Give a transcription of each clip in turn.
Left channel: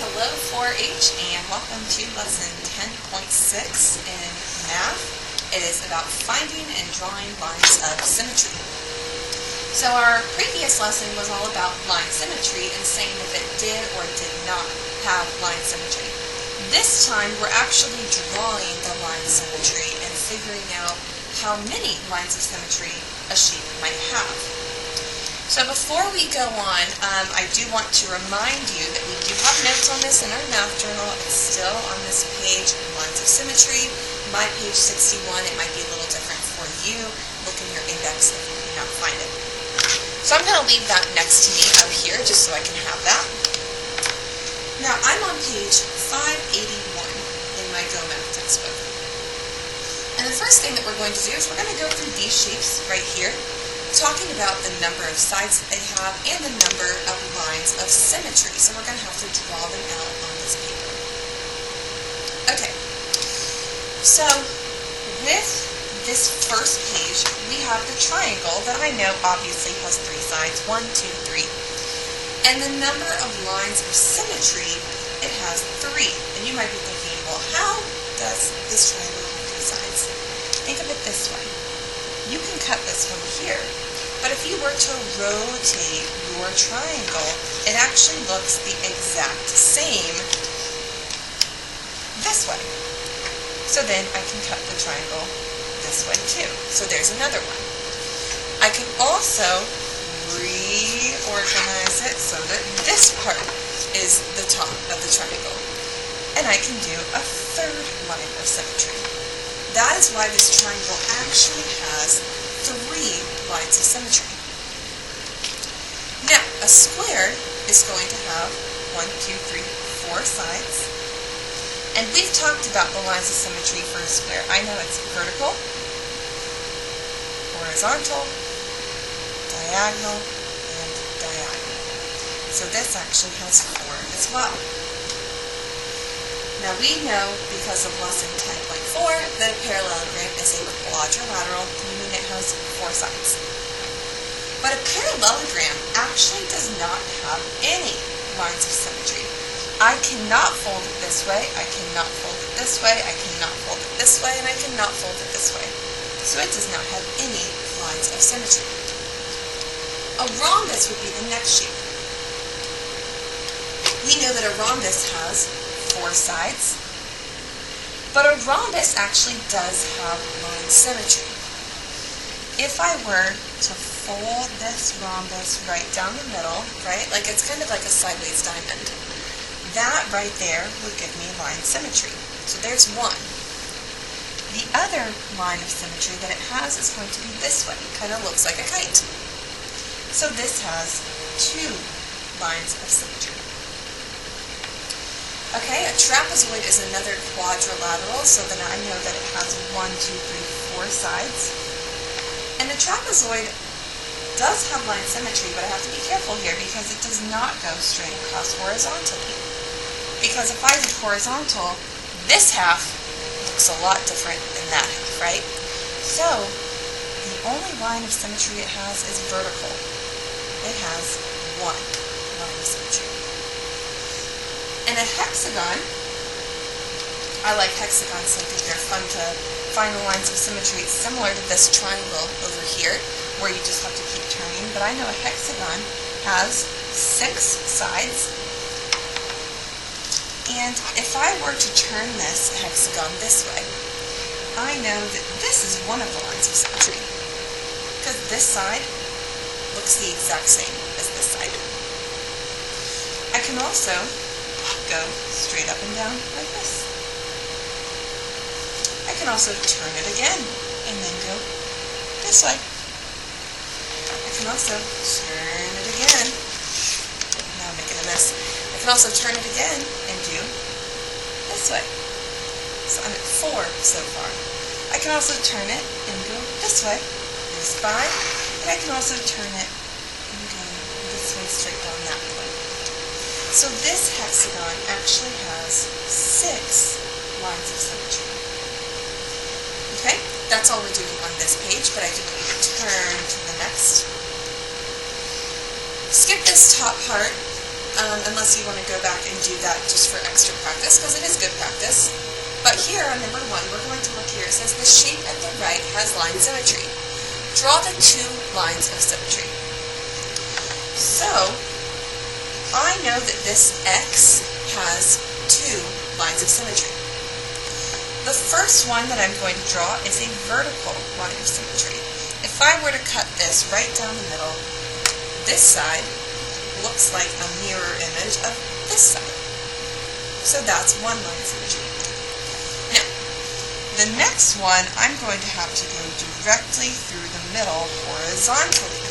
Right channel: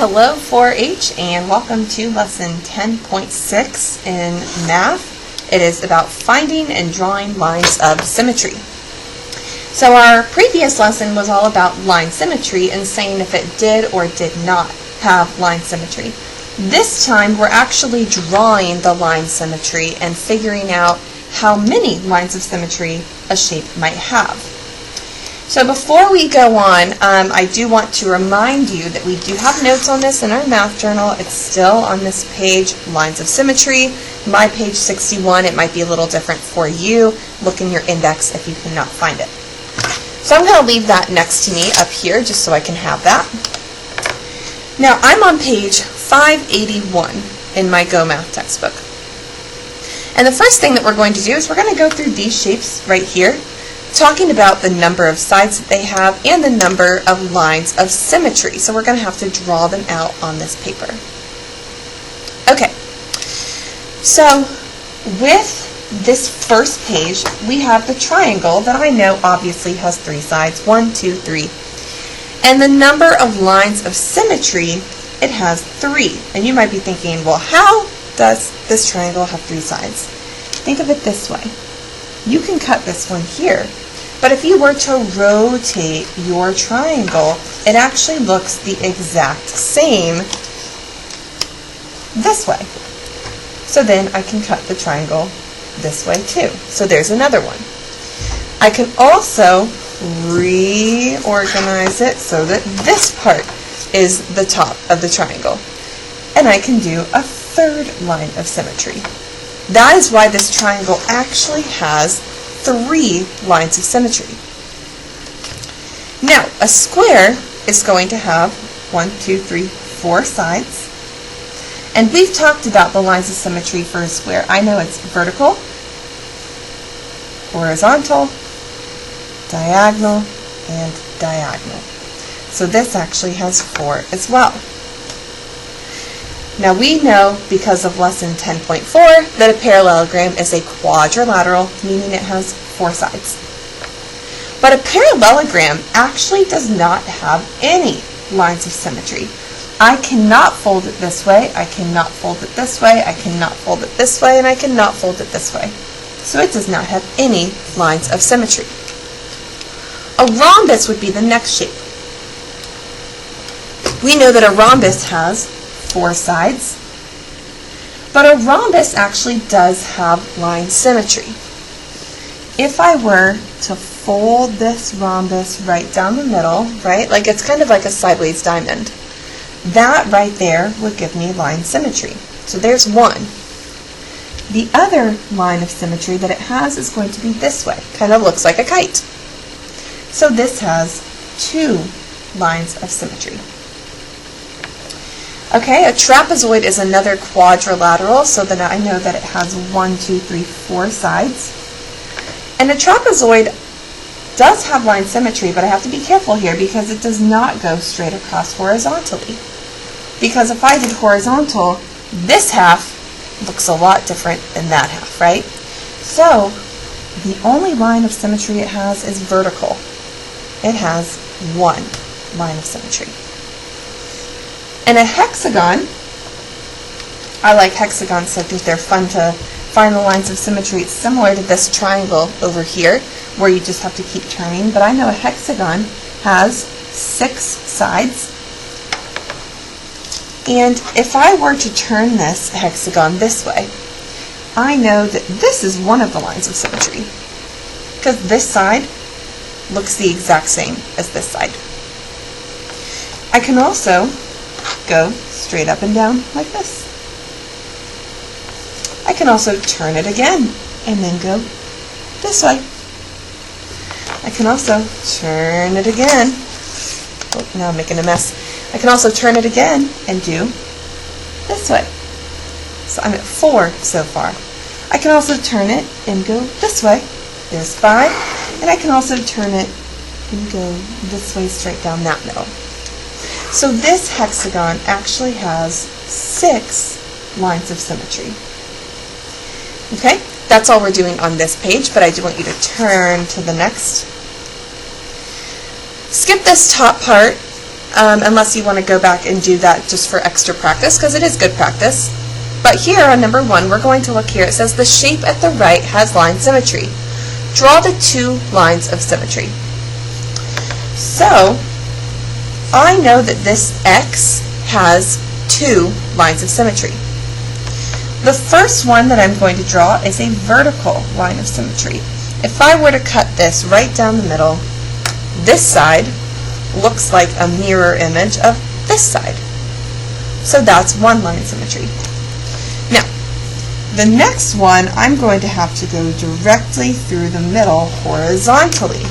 Hello 4-H and welcome to lesson 10.6 in math. It is about finding and drawing lines of symmetry. So our previous lesson was all about line symmetry and saying if it did or did not have line symmetry. This time we're actually drawing the line symmetry and figuring out how many lines of symmetry a shape might have. So before we go on, I do want to remind you that we do have notes on this in our math journal. It's still on this page, Lines of Symmetry, my page 61. It might be a little different for you. Look in your index if you cannot find it. So I'm going to leave that next to me up here just so I can have that. Now I'm on page 581 in my Go Math textbook. And the first thing that we're going to do is we're going to go through these shapes right here, talking about the number of sides that they have and the number of lines of symmetry. So we're going to have to draw them out on this paper. Okay, so with this first page, we have the triangle that I know obviously has 3 sides, 1, 2, 3. And the number of lines of symmetry, it has 3. And you might be thinking, well, how does this triangle have 3 sides? Think of it this way. You can cut this one here, but if you were to rotate your triangle, it actually looks the exact same this way. So then I can cut the triangle this way too. So there's another one. I can also reorganize it so that this part is the top of the triangle. And I can do a third line of symmetry. That is why this triangle actually has 3 lines of symmetry. Now, a square is going to have 1, 2, 3, 4 sides. And we've talked about the lines of symmetry for a square. I know it's vertical, horizontal, diagonal, and diagonal. So this actually has 4 as well. Now we know, because of lesson 10.4, that a parallelogram is a quadrilateral, meaning it has 4 sides. But a parallelogram actually does not have any lines of symmetry. I cannot fold it this way, I cannot fold it this way, I cannot fold it this way, and I cannot fold it this way. So it does not have any lines of symmetry. A rhombus would be the next shape. We know that a rhombus has 4 sides, but a rhombus actually does have line symmetry. If I were to fold this rhombus right down the middle, right, like it's kind of like a sideways diamond, that right there would give me line symmetry. So there's one. The other line of symmetry that it has is going to be this way, kind of looks like a kite. So this has 2 lines of symmetry. Okay, a trapezoid is another quadrilateral, so then I know that it has 1, 2, 3, 4 sides. And a trapezoid does have line symmetry, but I have to be careful here because it does not go straight across horizontally. Because if I did horizontal, this half looks a lot different than that half, right? So the only line of symmetry it has is vertical. It has 1 line of symmetry. And a hexagon, I like hexagons, so I think they're fun to find the lines of symmetry. It's similar to this triangle over here, where you just have to keep turning, but I know a hexagon has 6 sides. And if I were to turn this hexagon this way, I know that this is one of the lines of symmetry, because this side looks the exact same as this side. I can also go straight up and down like this. I can also turn it again and then go this way. I can also turn it again. Oh, now I'm making a mess. I can also turn it again and do this way. So I'm at 4 so far. I can also turn it and go this way. There's 5. And I can also turn it and go this way straight down that middle. So this hexagon actually has 6 lines of symmetry. Okay, that's all we're doing on this page, but I do want you to turn to the next. Skip this top part unless you want to go back and do that just for extra practice, because it is good practice. But here on number 1, we're going to look here. It says the shape at the right has line symmetry. Draw the 2 lines of symmetry. So I know that this X has 2 lines of symmetry. The first one that I'm going to draw is a vertical line of symmetry. If I were to cut this right down the middle, this side looks like a mirror image of this side. So that's one line of symmetry. Now, the next one, I'm going to have to go directly through the middle horizontally,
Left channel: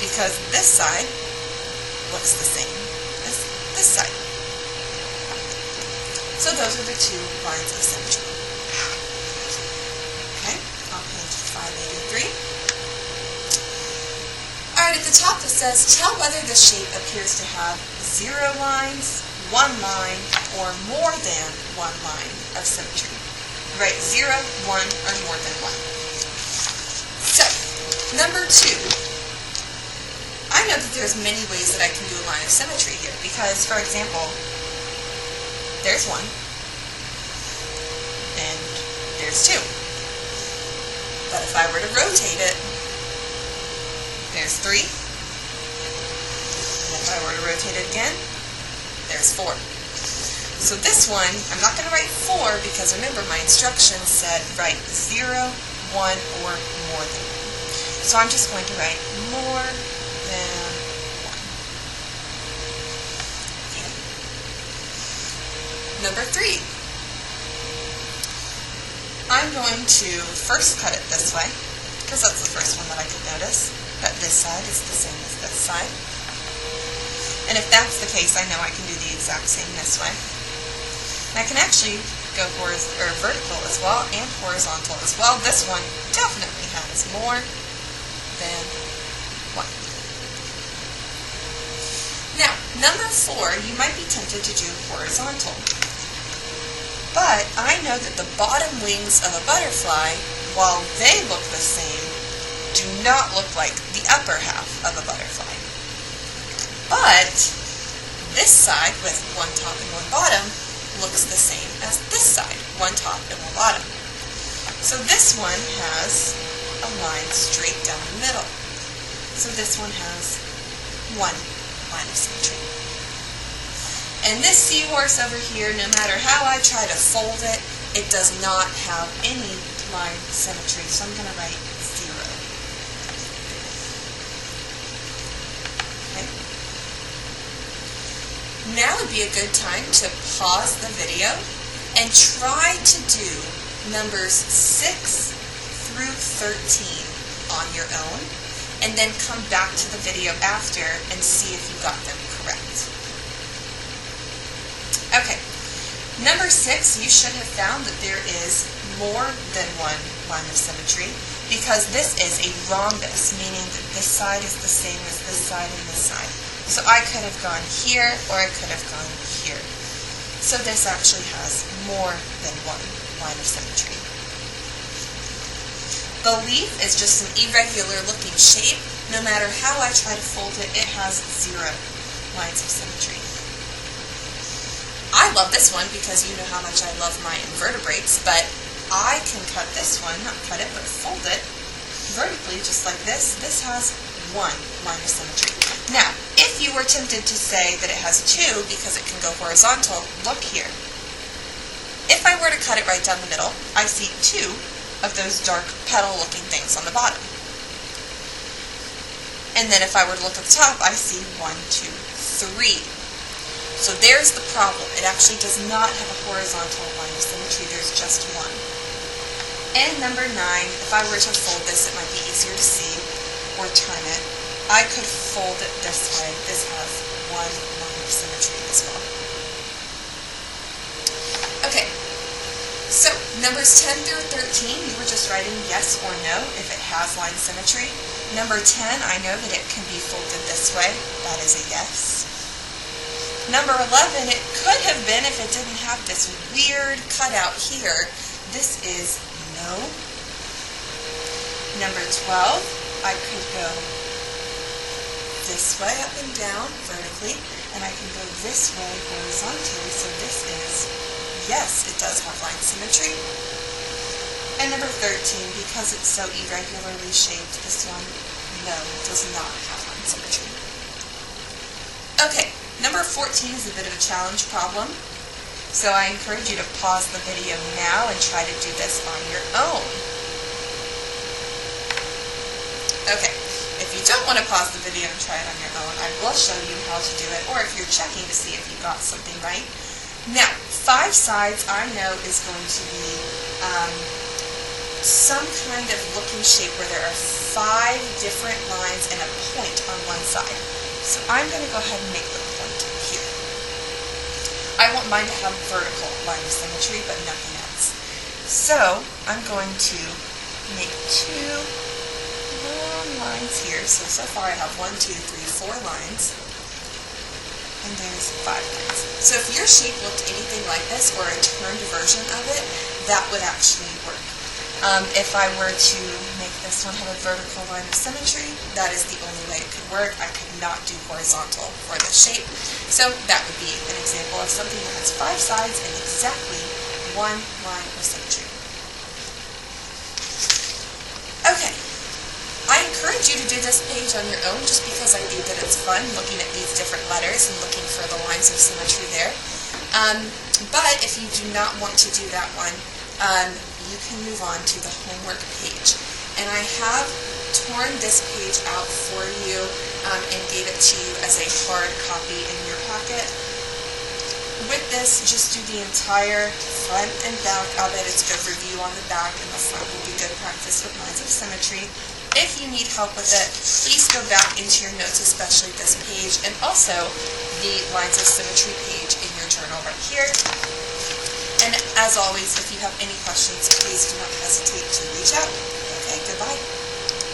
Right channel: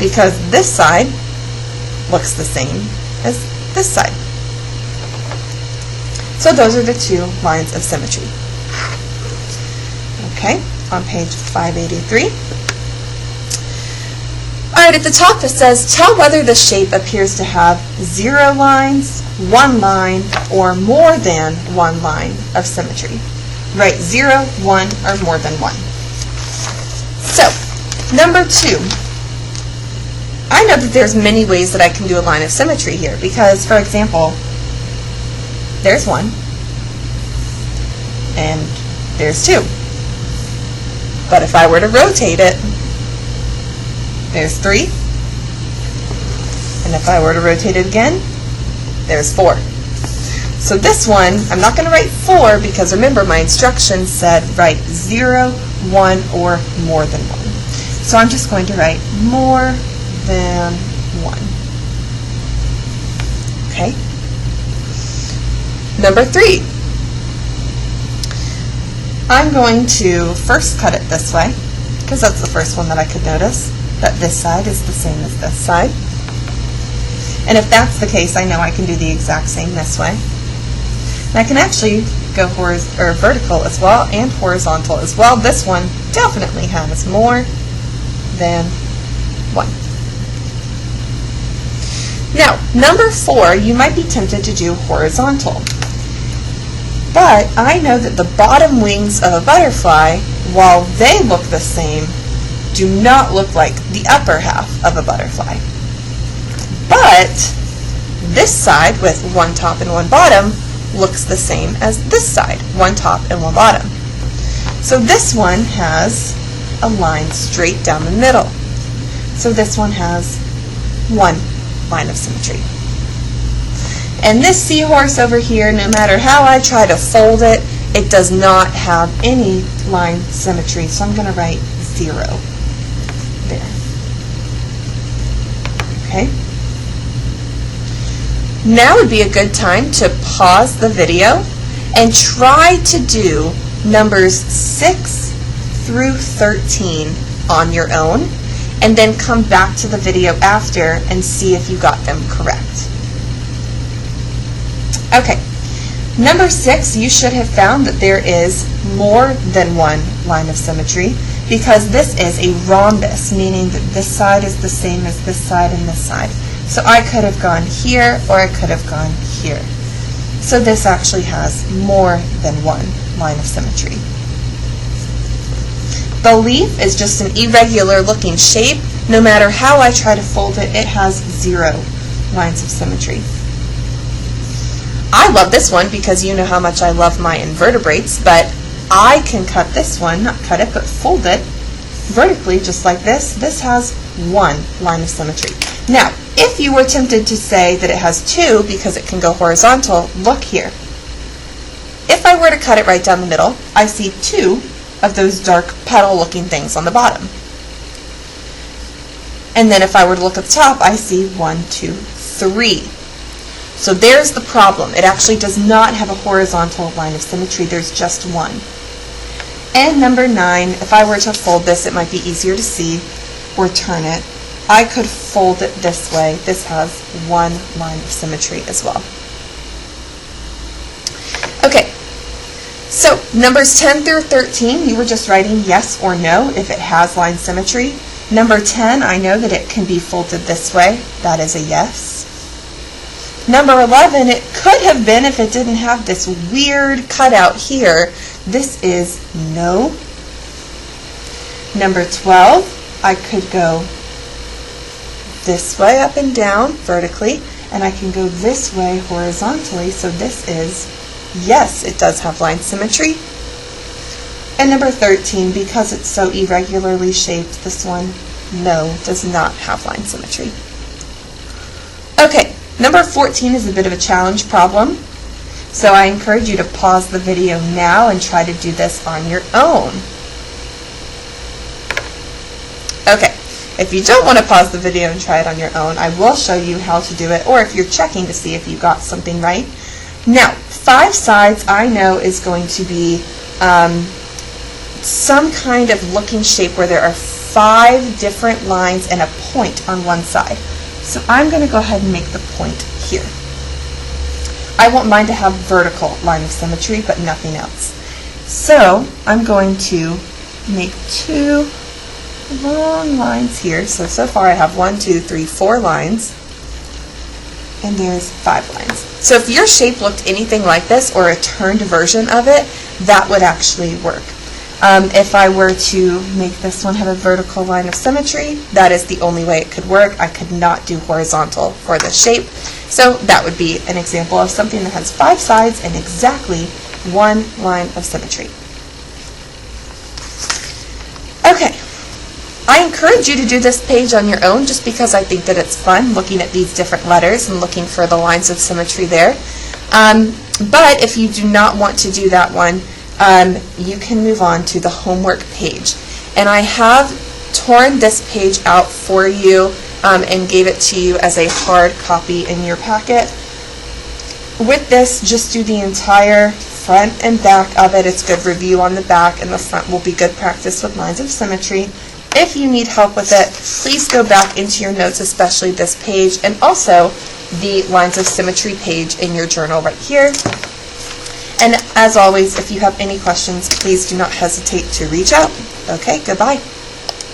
because this side looks the same as this side. So those are the 2 lines of symmetry. Okay, on page 583. Alright, at the top it says, tell whether the shape appears to have 0 lines, 1 line, or more than 1 line of symmetry. Write 0, 1, or more than 1. So, number 2. I know that there's many ways that I can do a line of symmetry here, because, for example, there's 1, and there's 2. But if I were to rotate it, there's 3, and if I were to rotate it again, there's 4. So this one, I'm not going to write 4, because remember my instructions said write 0, 1, or more than 1. So I'm just going to write more than 1. Okay? Number 3. I'm going to first cut it this way, because that's the first one that I could notice, that this side is the same as this side. And if that's the case, I know I can do the exact same this way. And I can actually go vertical as well and horizontal as well. This one definitely has more than 1. Now, number 4, you might be tempted to do horizontal. But I know that the bottom wings of a butterfly, while they look the same, do not look like the upper half of a butterfly. But this side with 1 top and 1 bottom looks the same as this side, 1 top and 1 bottom. So this one has a line straight down the middle. So this one has 1 line of symmetry. And this seahorse over here, no matter how I try to fold it, it does not have any line symmetry. So I'm going to write 0 there. Okay? Now would be a good time to pause the video and try to do numbers 6 through 13 on your own, and then come back to the video after and see if you got them correct. Okay, number 6, you should have found that there is more than 1 line of symmetry, because this is a rhombus, meaning that this side is the same as this side and this side. So I could have gone here, or I could have gone here. So this actually has more than 1 line of symmetry. The leaf is just an irregular looking shape. No matter how I try to fold it, it has 0 lines of symmetry. I love this one because you know how much I love my invertebrates, but I can cut this one, not cut it, but fold it vertically just like this. This has 1 line of symmetry. Now, if you were tempted to say that it has 2 because it can go horizontal, look here. If I were to cut it right down the middle, I see 2 of those dark petal looking things on the bottom. And then if I were to look at the top, I see 1, 2, 3. So there's the problem. It actually does not have a horizontal line of symmetry. There's just 1. And number 9, if I were to fold this, it might be easier to see, or turn it. I could fold it this way. This has 1 line of symmetry as well. Okay, so numbers 10 through 13, you were just writing yes or no if it has line symmetry. Number 10, I know that it can be folded this way. That is a yes. Number 11, it could have been if it didn't have this weird cutout here. This is no. Number 12, I could go this way up and down vertically. and I can go this way horizontally, so this is, yes, it does have line symmetry. And number 13, because it's so irregularly shaped, this one, no, does not have line symmetry. Okay, number 14 is a bit of a challenge problem, so I encourage you to pause the video now and try to do this on your own. Okay, if you don't want to pause the video and try it on your own, I will show you how to do it, or if you're checking to see if you got something right. Now, 5 sides I know is going to be some kind of looking shape where there are 5 different lines and a point on one side. So I'm going to go ahead and make the point here. I want mine to have vertical line of symmetry, but nothing else. So I'm going to make 2 long lines here. So far I have 1, 2, 3, 4 lines, and there's 5 lines. So if your shape looked anything like this, or a turned version of it, that would actually work. If I were to make this one have a vertical line of symmetry, that is the only way it could work. I could not do horizontal for this shape. So that would be an example of something that has 5 sides and exactly 1 line of symmetry. Okay. I encourage you to do this page on your own just because I think that it's fun looking at these different letters and looking for the lines of symmetry there. But if you do not want to do that one, you can move on to the homework page. And I have torn this page out for you and gave it to you as a hard copy in your packet. With this, just do the entire front and back of it. It's good review on the back, and the front will be good practice with lines of symmetry. If you need help with it, please go back into your notes, especially this page, and also the lines of symmetry page in your journal right here. And as always, if you have any questions, please do not hesitate to reach out. Okay, goodbye.